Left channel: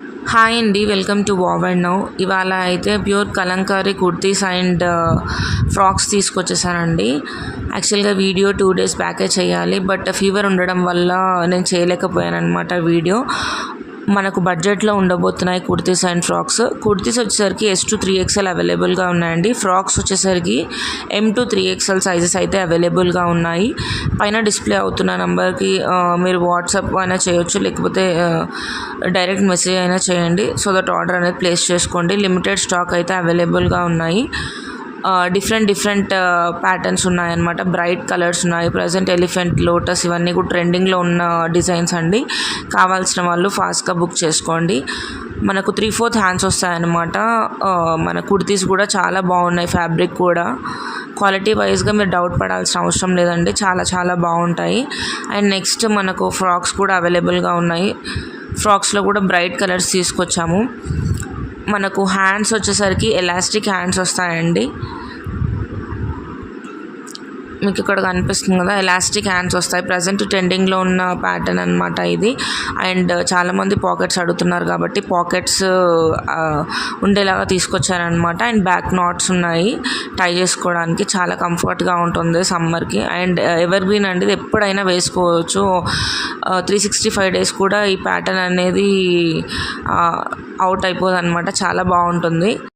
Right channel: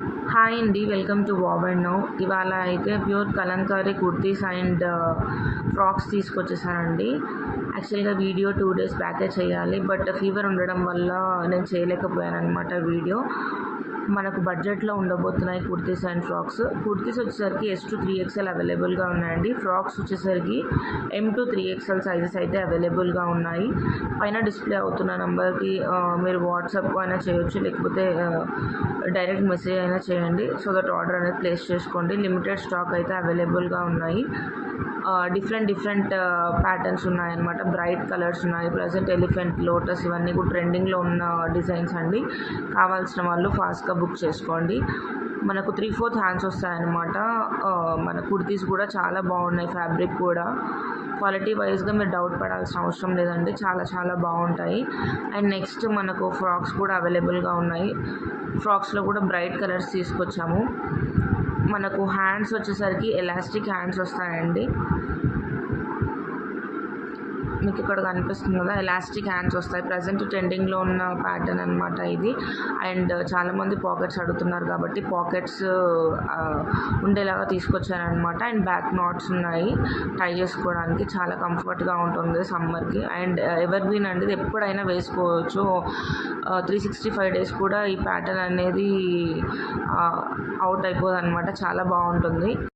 Hi అండి, welcome to wow and now. ఇవాళ అయితే pure Kalamkari kurtis and frocks తీసుకొచ్చేసానండి. యాక్చువల్గా వీడియో 2 days బ్యాకే చేయాలి, బట్ ఫీవర్ ఉండడం వల్ల నేను చేయలేకపోయాను అనమాట వీడియో. మనకు బడ్జెట్లో ఉండబోతున్నాయి కుర్తీస్ అండ్ ఫ్రాక్స్. కుర్తీస్ వచ్చేసరికి S to 3XL అవైలబుల్గా ఉన్నాయండి. ఫ్రాక్స్ వచ్చేసరికి M to 3XL సైజెస్ అయితే అవైలబుల్గా ఉన్నాయి. పైన డిస్ప్లే అవుతున్న నెంబర్కి మీరు వాట్సాప్ అయినా చేయొచ్చు, లేకపోతే డైరెక్ట్ మెసేజ్ అయినా చేయండి. సో దట్ ఆర్డర్ అనేది ప్లేస్ చేసుకోండి. లిమిటెడ్ స్టాక్ అయితే అవైలబుల్గా ఉన్నాయి. డిఫరెంట్ ప్యాటర్న్స్ ఉన్నాయన్నమాట. బ్రైట్ కలర్స్ ఉన్నాయి. ప్రజెంట్ ఎలిఫెంట్, లోటస్ ఇవన్నీ కూడా ట్రెండింగ్లో ఉన్న డిజైన్స్ అండి. కావాల్సిన వాళ్ళు ఫాస్ట్గా బుక్ చేసుకోండి. మనకు 3/4 హ్యాండ్స్ వస్తాయన్నమాట. మన కుర్తీస్ కూడా చాలా బాగున్నాయి. ఫ్యాబ్రిక్ కూడా క్వాలిటీ వైజ్గా మీరు డౌట్ పడాల్సిన అవసరం లేదండి. చాలా బాగుంటాయి. అండ్ నెక్స్ట్ మనకు ఫ్రాక్స్ కూడా అవైలబుల్గా ఉన్నాయి. ఫ్రాక్స్లో కూడా బ్రైట్ కలర్స్ తీసుకొచ్చాము. మనకు హ్యాండ్స్ వచ్చేసరికి ఎలాస్టిక్ హ్యాండ్స్ వస్తాయండి. మీకు ఇక్కడ కనిపిస్తుంది కదా, ఎలాస్టిక్ హ్యాండ్స్ వస్తాయి. ప్రజెంట్ ట్రెండింగ్లో ఉన్న ప్యాటర్న్ అనమాట ఇది. అండ్ చాలామంది పాకెట్స్ అడుగుతున్నారు కాబట్టి పాకెట్స్ ఉండేలాగా తీసుకొచ్చారనమాట. అండ్ బ్యాక్ నాట్స్ ఉన్నాయి టై చేసుకోవడానికి. చాలా కంఫర్ట్గా ఉంటుంది సమ్మర్కి. అండ్ ఎవర్ గ్రీన్ అండి, ఇది ఎప్పుడైనా వేసుకోవచ్చు. 365 days కూడా ఈ ప్యాటర్న్ అనేది అవుట్ అయిపోదు అనమాట. చాలా బాగుంటుంది.